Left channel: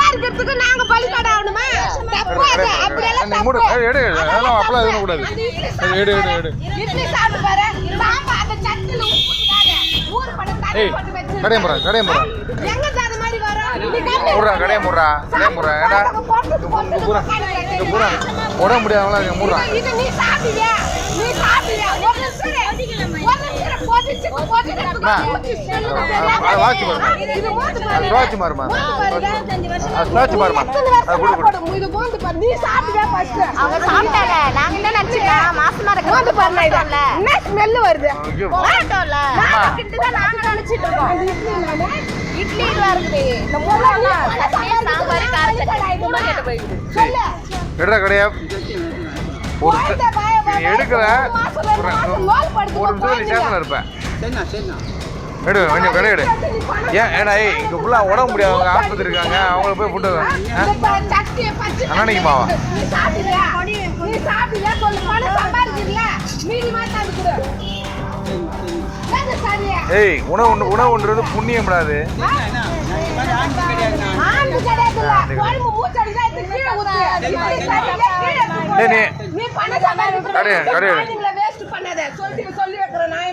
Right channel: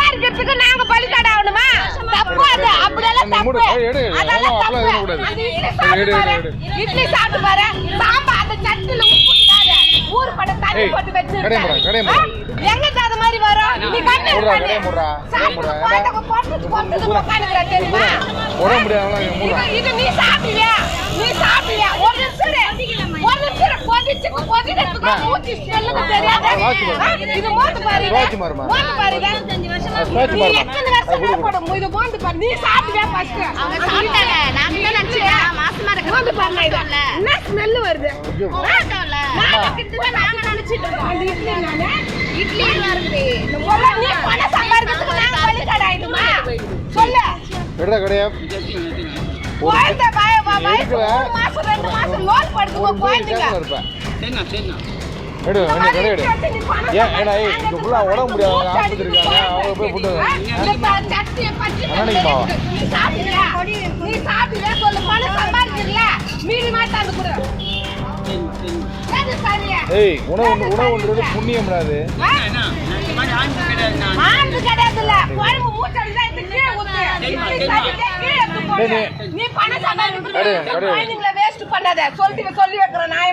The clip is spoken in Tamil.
சம்பாதிக்கிறதுக்கு நாங்க பலிக்காடு ஆகணுமா தப்பு அது அப்படியெல்லாம். தப்பு. எடு, எடு. அதெல்லாம் தப்பு. எதுவும் கூடாது. எடு, எடு, பாரு. இட்லி சாப்பிட்டு பாரு சாம்பார் அந்த சட்டில உப்பு. ஊறு பட தண்ணி போட்டு வச்சிருக்க. கடையை முறை, கடையை முறை. எங்க அது மாதிரி வரும் நீ கண்ணு கண்ணு. கடையை மூடுறா, கடையை. ஏடா, இங்க பூரா, இங்க பூரா. உடம்பு முடியாதவங்களா இங்க. இது- நீ சாப்பிடுவியா? நீ சாப்பிடுவியா? பாருமா. எத்தனை வருஷம் அதை கொடு, கொடு. இது மோந்து பாரு. நீ சாப்பிடுவியா first? அவங்க சாப்பிட்டாங்க நாங்க என்ன நினைச்சோம் மாசமா இருக்க மோந்து பாருங்க இது. என்ன smell வருது? ஐயோ. மாட்டோம்ல மாட்டுக்கிட்டு நாங்க நினைச்சிட்டு இருக்கோம். அந்த இட்லி நானு. இட்லி வருது. இந்த முறை நீ பணம் சம்பாதிக்கிறதுக்கு நாங்க பலிக்காடு ஆயிடுமா? சொல்லு. எடுறா கடையா ஒரு எடுக்கல நிமிஷம் குழந்தைங்க. எடு கொஞ்சம் கடை எடு. ஏன் ஏடா ஏய் இங்க ஃபுல்லா உடம்பு முடியாதவங்க ஆஸ்பத்திரி இருக்காங்க. அவங்க போய் ஃபுட்டு அண்ணாணிக்கு மாவா? ஏய் உணவு உணவுன்றது புண்ணியம்டாது நீ- கடை, கடை. சொல்லி சொல்லி வைக்கிறேன்.